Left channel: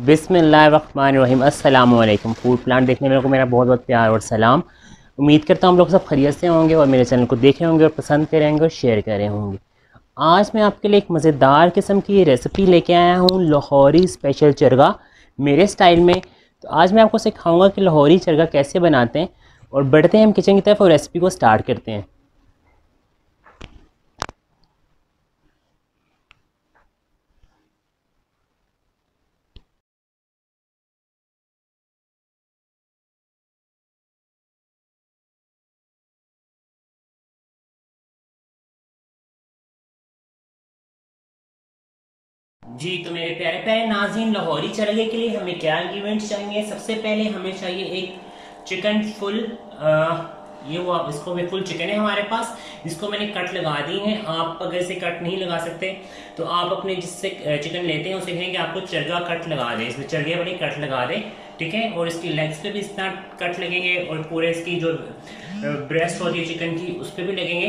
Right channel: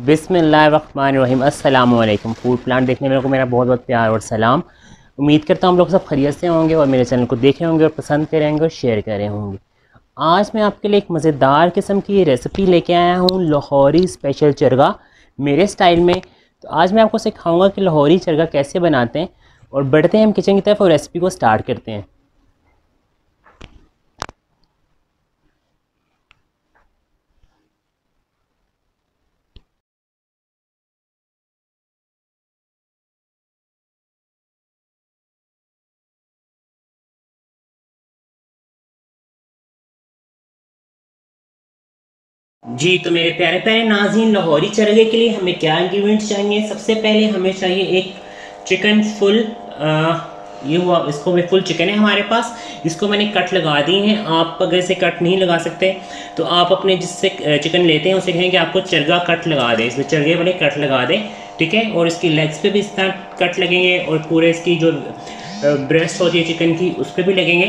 बिस्मिल्लाहिर्रहमानिर्रहीम। अस्सलाम वालेकुम। फूड प्लांट देखने वालों को मेरा बहुत बहुत प्यार और सलाम। उम्मीद करता हूँ हम लोग सब खैरियत से होंगे और मेरे चैनल को देखे होंगे और पसंद करेंगे और शेयर करे होंगे। आज मैं आपके लिए एक मज़ेदार किस्म की रेसिपी लेके आया हूँ, लाहौरी स्पेशल चरगा मेरे स्टाइल में। तो आज मैं आपको सिखाऊंगा कि लाहौरी चरगा कैसे बनाते हैं। और बढ़ते हैं हम किचन की तरफ और रेसिपी को स्टार्ट करते हैं। जी तो मेरे प्यारे प्यारे नाज़रीन, लाहौरी चरगे के लिए हमें क्या इंग्रेडिएंट्स चाहिए। सबसे पहले हमें चाहिए एक चिकन फुल। ये हुआ, इसको मैं फुल चिकन है हमारे पास। इसको मैंने कट लगा दी हैं। आप अगर इसे कट नहीं लगा सकते तो आप अपने जिससे चिकन लेते हैं उसे कहें कि आपको चरगा कट लगा दें, इसमें चरगे वाले कट लगा दें, ठीक है। और इसकी लेग्स पे भी इस तरह कट लगेंगे और पूरे इसकी जो ब्रेस्ट होती है चिकन की उस पर भी लगेंगे।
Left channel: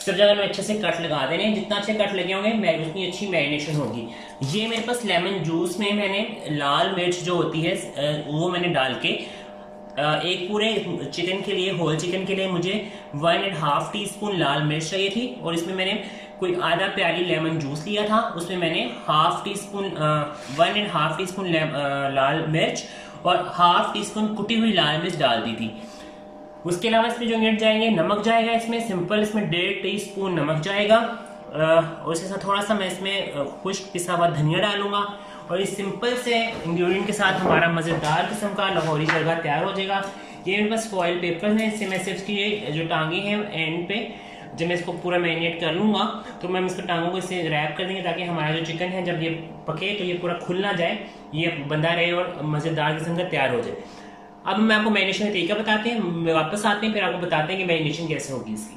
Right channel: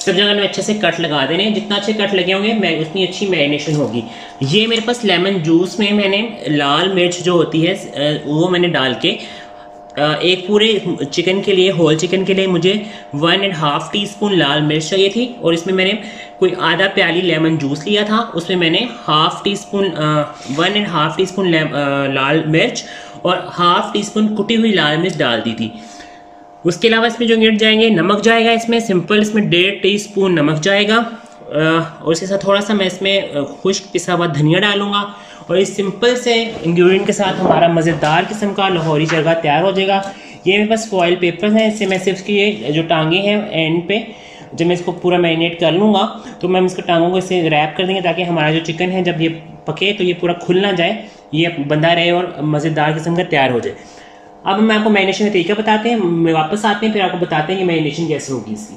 सब जगह में अच्छे से कट लगा देने। जितना अच्छे कट लगे होंगे उतनी अच्छी मैरिनेशन होगी। ये मेरे पास लेमन जूस में मैंने लाल मिर्च जो होती है वो मैंने डाल के एक पूरे चिकन के लिए, होल चिकन के लिए मुझे 1.5 टीस्पून लाल मिर्च चाहिए थी। और इसमें मैंने कोई आधा प्याली लेमन जूस लिया था, उसमें मैंने 1.5 टीस्पून लाल मिर्च और 1/2 टीस्पून कुटी हुई लाल मिर्च डाल दी थी। उसके अलावा इसमें जो इंग्रेडिएंट जाएंगे, नमक जाएगा इसमें सिंपल, इसमें 1.5 टीस्पून नमक जाएगा। और इसके साथ थोड़ा सा मैं इसमें खुश्क पिसा हुआ धनिया डालूंगा। और इस सिंपल से इंग्रेडिएंट के साथ हमारा मज़ेदार किस्म का लाहौरी चरगा तैयार हो जाएगा। ये मेरे पास फॉइल पेपर्स हैं, इससे मैं सिर्फ की ये जो टांगे हैं एंड पे, जब मैं इसको पूरा मैरिनेट कर लूँगा तो मैं इसके टांगों को इससे रैप कर देंगे ताकि हमारा जो चिकन है जब ये पके तो ये पूरा खुल ना जाए, ये बंधा रहे और मज़ेदार किस्म का तैयार हो जाए। अब मैं आपको मैरिनेशन का तरीका बताते हैं, मैं वापस आते हैं फिर आपको बताते हैं कि मैरिनेशन कैसे होगी इसकी।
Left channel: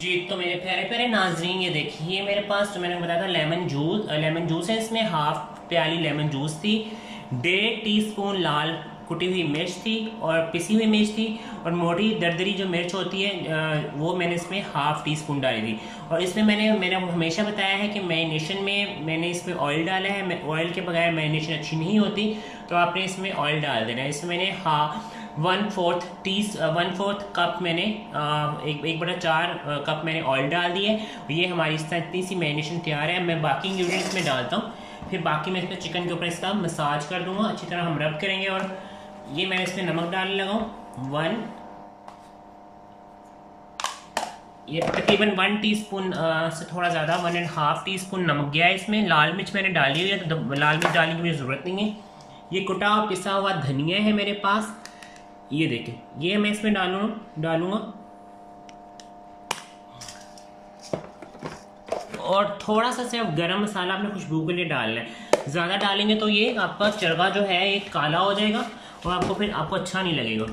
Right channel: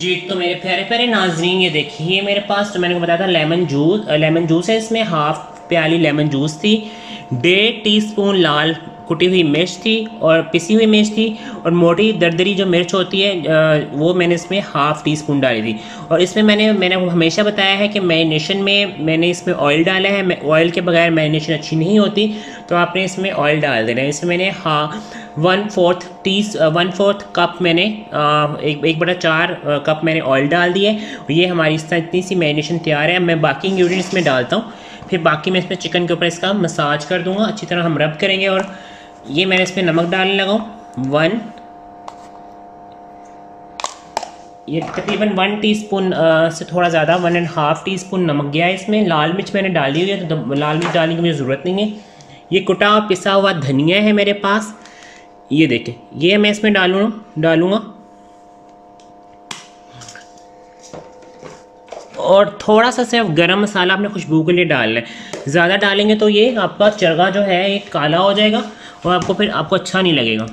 जी तो मेरे प्यारे प्यारे नाजरीन, ये देखिए मेरे पास जो मैंने बताया था लेमन जूस है। इसमें 1/2 प्याली लेमन जूस थी, 1.5 टीस्पून लाल कुटी हुई मिर्च थी और पिसी हुई मिर्च थी, और मोटी दरदरी जो मिर्च होती है वो मैंने इसमें 1/2 टीस्पून डाली थी। और इसमें मैंने हमेशा बताया है कि मैरिनेशन में मैंने इसमें ऑयल डाला है। ऑयल के बगैर मैरिनेशन अच्छी नहीं होती, तो आपने इसमें ऑयल डाल देना है। इसमें मैंने 1/4 कप मैंने 1/4 कप मैंने ऑयल डाल दिए। ये हमारी इतनी सी मैरिनेशन तैयार है। अब मैं बाकी इंग्रेडिएंट्स में डालता हूँ, फिर बाकी मैं इसमें चिकन के ऊपर इसका मसाज कर दूंगा, अच्छी तरह हम रब करेंगे। और ये मैंने इसमें नमक डालने लगा हूँ, ये तकरीबन 1 टीस्पून से थोड़ा ज़्यादा 1.5 टीस्पून नमक गया है इसमें। लाल मिर्च मैंने डाली हुई है तो लाल मिर्च डालने की मुझे ज़रूरत नहीं है। ये कुटा और पिसा हुआ धनिया है मेरे पास, ये देखें, ये मैं इसमें डालूंगा। और थोड़ा सा सिर्फ गरम मसाला आपने खुशबू के लिए डालना है। ज़्यादा डालेंगे तो ये आपका चरगा जो है ये काला हो जाएगा और फिर आपको अच्छा नहीं लगेगा।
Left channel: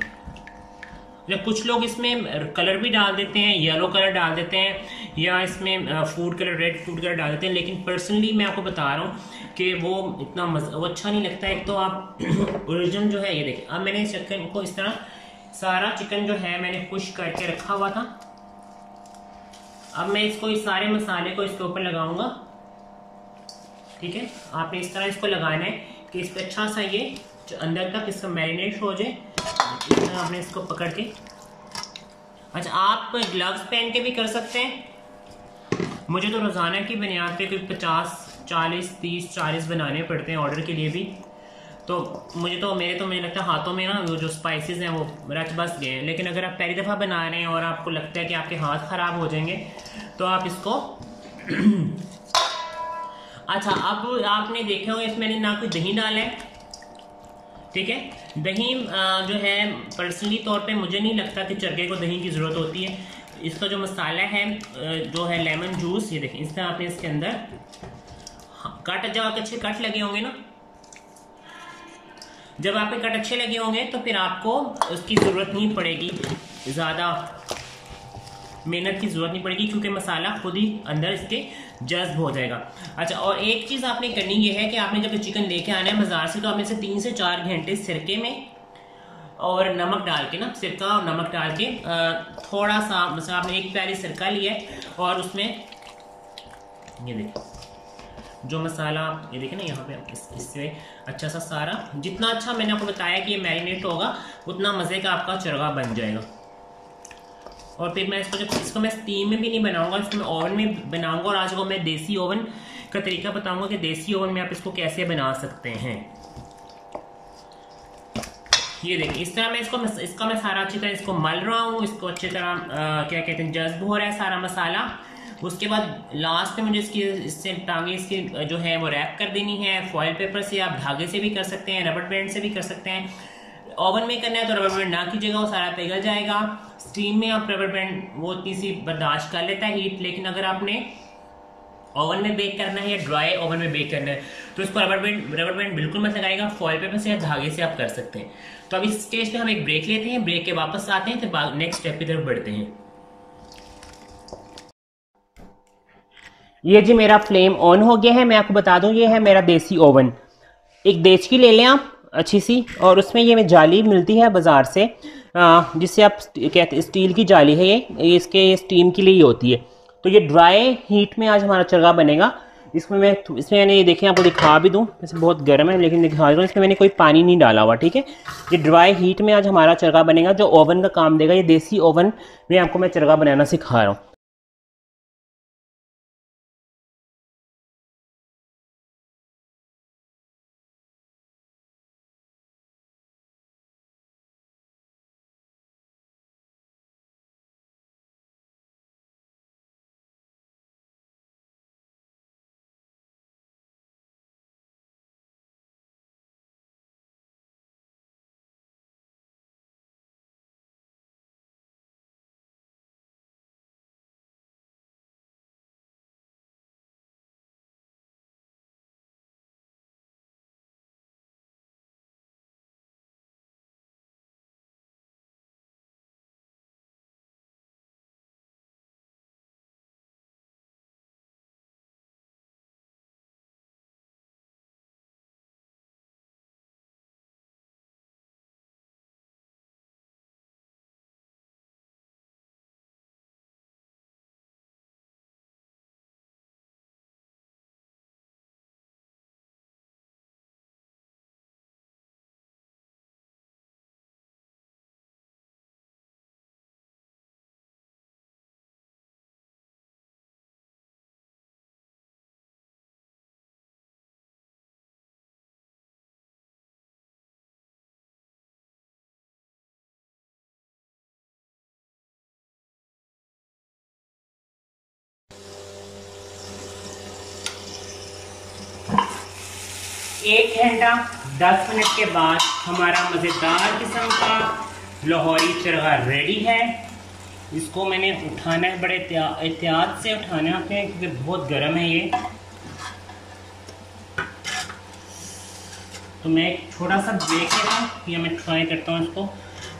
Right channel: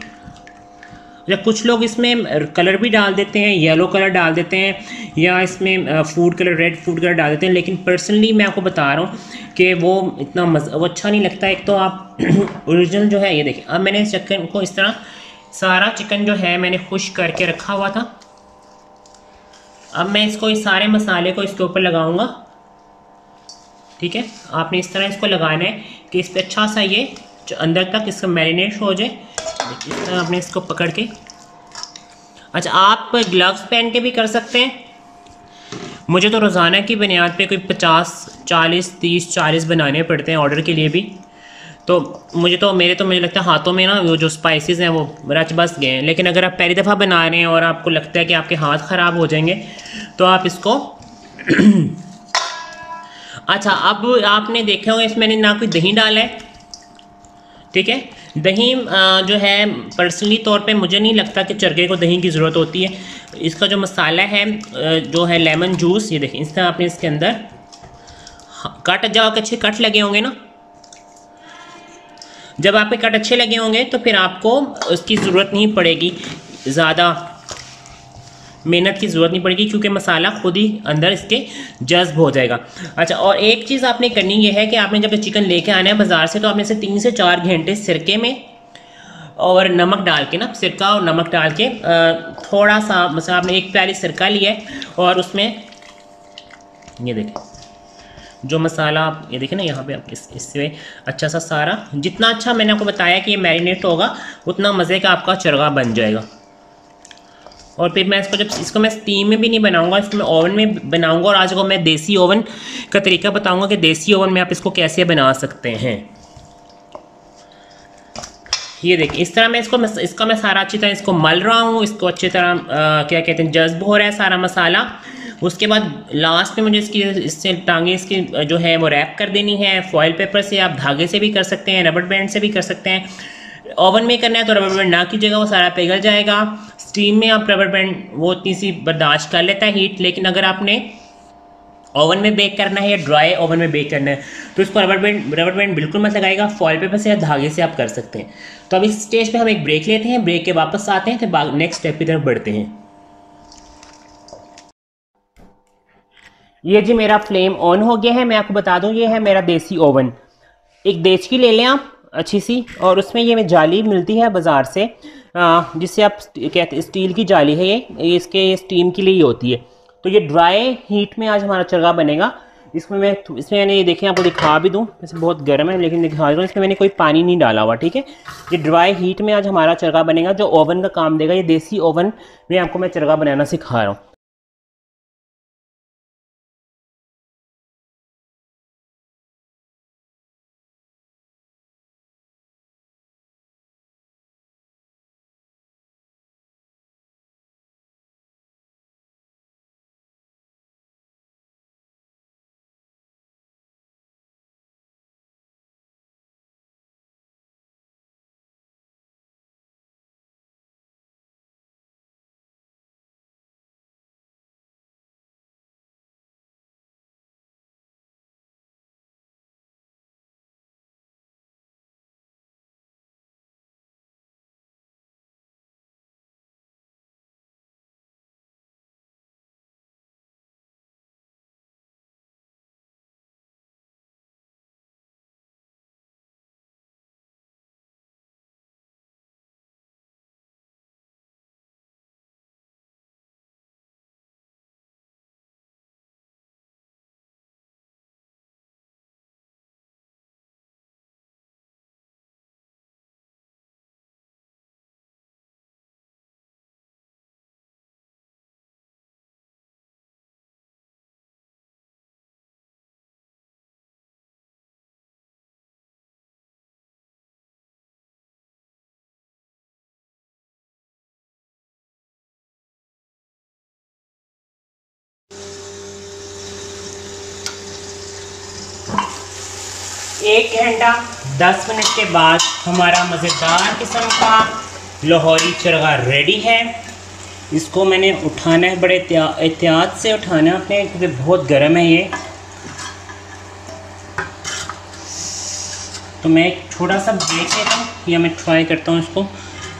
जब कुछ लोग इसमें कलर भी डाल देते हैं, येलो कलर डाल देते हैं या इसमें रेड फूड कलर डाल देते हैं, लेकिन पर्सनली मैं आपको बता रहा हूँ कि वो इतना वो अच्छा नहीं लगता। एक तो आप ओरिजिनल जो है, ये देखिए अब मैंने चिकन को इस तरह सारा चिकन जो है मैंने खुश्क करके रखा हुआ था। अब मैं इसको इस सारे मसाले को इसके ऊपर लगाऊंगा, ठीक है। आपने इस तरह इसको लगाना है कि इस पर अच्छा सा ये अंदर तक इसका मैरिनेट हो जाए। इस तरह आपने इसको पकड़ के, अच्छा आप ग्लव्स पहन के भी कर सकते हैं। मुझे तो रोज़ाना की बुनियाद पे कोई 50-40 बनाने पड़ते हैं ऑर्डर के लिए भी। तो मुझे लगता है हाथों में ना वो जो स्पाइसेस हैं वो रच बस गए हैं। लेकिन अगर आप पहली दफ़ा बना रहे हैं और आपको लगता है कि आपके हाथ ख़राब हो जाएंगे तो आप इसको अच्छा अब आपने देखा होगा इसमें मैंने ना कोई दही डाला है, ठीक है। दही जो है पर्सनली तौर पे मुझे नहीं लगता कि चरगे को दही की ज़रूरत होती है। इसका जो मसाला है जो है लेमन जूस, ये देखें इस तरह आपने इसके अंदर अच्छे कट लगे होंगे ना, जब आपके कट अच्छे लगे होंगे तो फिर आपको उसकी ज़रूरत नहीं पड़ेगी, ज़्यादा मेहनत की ज़रूरत नहीं पड़ेगी क्योंकि मसाला खुद ही अंदर इसके जज्ब हो जाएगा। अच्छा और एक चीज़ आपने करनी ये है कि आपने जब चिकन लेके आना है बाज़ार से तो आपने इसे 3 से 4 घंटे सिरके में और नमक डाल के ना, सिरका और नमक डाल के थोड़ा सा, मतलब आपने 1 प्याली सिरका लिया है और उसमें ये देखें जो मसाला ये देखिए ना यहाँ पे आप इससे अच्छा सा सारा, जितना अच्छा मैंने आपको बताया कि ये मैरिनेट होगा उतना मज़े का आपका चरगा बन जाएगा। और फिर मैं इसको मैं स्टीम में भी नहीं बनाऊंगा, इसको मैं ओवन में बनाऊंगा। और आज को मैं देसी ओवन का तरीका बताऊंगा कि देसी ओवन में आप इसको कैसे बना सकते हैं। ये देखिए इस तरह मैं इसका मैं सारा अच्छी तरह इसको मल रहा हूँ। इसको अच्छी तरह क्या कहते हैं, जज्ब हो रहा है सारा मसाला। उसके बाद लास्ट में मुझे इससे टांगे इसकी जो है वो रैप कर देनी है फॉयल पेपर से। आप धागे से भी कर सकते हैं, रबर बैंड से भी कर सकते हैं। ओवन में करना है तो रबर बैंड ना कीजिएगा, वो सारा पिघल जाएगा। स्टीम में आप रबर बैंड वो इतनी सी बर्दाश्त कर लेता है हीट, लेकिन अगर आपने ओवन में बेक करना है या ड्राई ओवन में बेक करना है तो इसको रबर बैंड बिल्कुल मत लगाएगा। फॉयल पेपर से या धागे से आप कर सकते हैं। तो अब इस स्टेज पे हम एक ब्रेक लेते हैं, ब्रेक के वापस आते हैं, फिर नेक्स्ट स्टेप की तरफ बढ़ते हैं। ये जी मेरा फ्लेम ऑन हो गया है। मैं आपको बता दूं ये है मेरा देसी ओवन। एक देचकी ले लें आप अच्छी सी, और उसमें ये जाली मिलती है बाज़ार से, जिससे आप कहते स्टील की जाली है ये इसके स्टीम के लिए ही होती है। तो ये ड्राई हीट में आज हमारा चरगा बनेगा। इसमें मैंने ये देखें आपको दिखा भी दूं, वैसे बहुत गर्म है लेकिन दिखा दूँ, इसमें मैंने कोई पानी नहीं डाला हुआ, ठीक है। ये ड्राई हीट में आज हमारा चरगा बनेगा जो ओवन का काम देगा। ये देसी ओवन में आपको मैं चरगा बनाना सिखा रहा हूँ। एक घंटा 10 मिनट के बाद हमारा मज़ेदार किस्म का लाहौरी चरगा रेडी है। इसको मैंने उठाना है, बड़े एहतियात से उठाना है आपने, क्योंकि बहुत गर्म है ये। तो मैं थोड़ा सा ब्रेक लेता हूँ या मैं ट्राई करता हूँ इसको।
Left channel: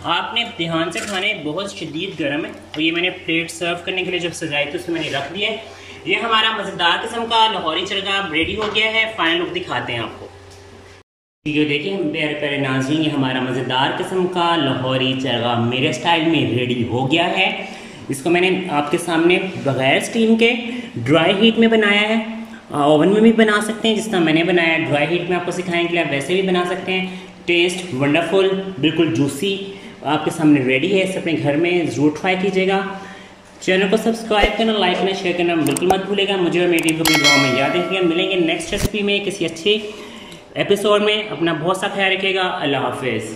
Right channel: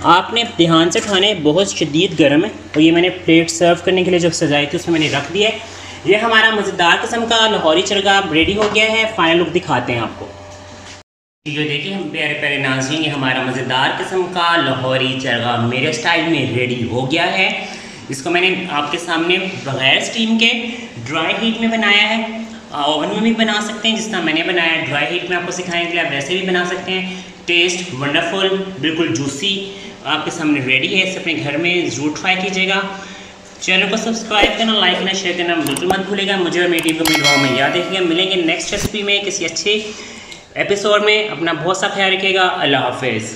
आपने ध्यान से उठाना है, बहुत शदीद गर्म है। और ये मैंने प्लेट सर्व करने के लिए जो सजाई थी उसमें मैंने रख दिया है। ये हमारा मज़ेदार किस्म का लाहौरी चरगा रेडी हो गया है। फाइनल लुक दिखाते हैं आपको। ये देखिए प्यारे प्यारे नाज़रीन, ये हमारा मज़ेदार किस्म का लाहौरी चरगा मेरे स्टाइल में रेडी हो गया है। इसको मैंने आपके सामने बग़ैर स्टीम के ड्राई हीट में बनाया है। ओवन में भी बना सकते हैं जिस तरह मैंने बनाया है। ड्राई हीट में आपको सिखाने के लिए आप वैसे भी बना सकते हैं। टेस्ट वंडरफुल, बिल्कुल जूसी आपके सामने रेडी है। इसे अपने घर में ज़रूर ट्राई कीजिएगा। चैनल को सब्सक्राइब करना, लाइक करना, शेयर करना बिल्कुल मत भूलेगा। मुझे और मेरी टीम को भी दुआ में याद रखिएगा। मिलेंगे नेक्स्ट रेसिपी में किसी अच्छे एपिसोड में। अपना बहुत सा ख्याल रखिएगा। अल्लाह हाफिज़।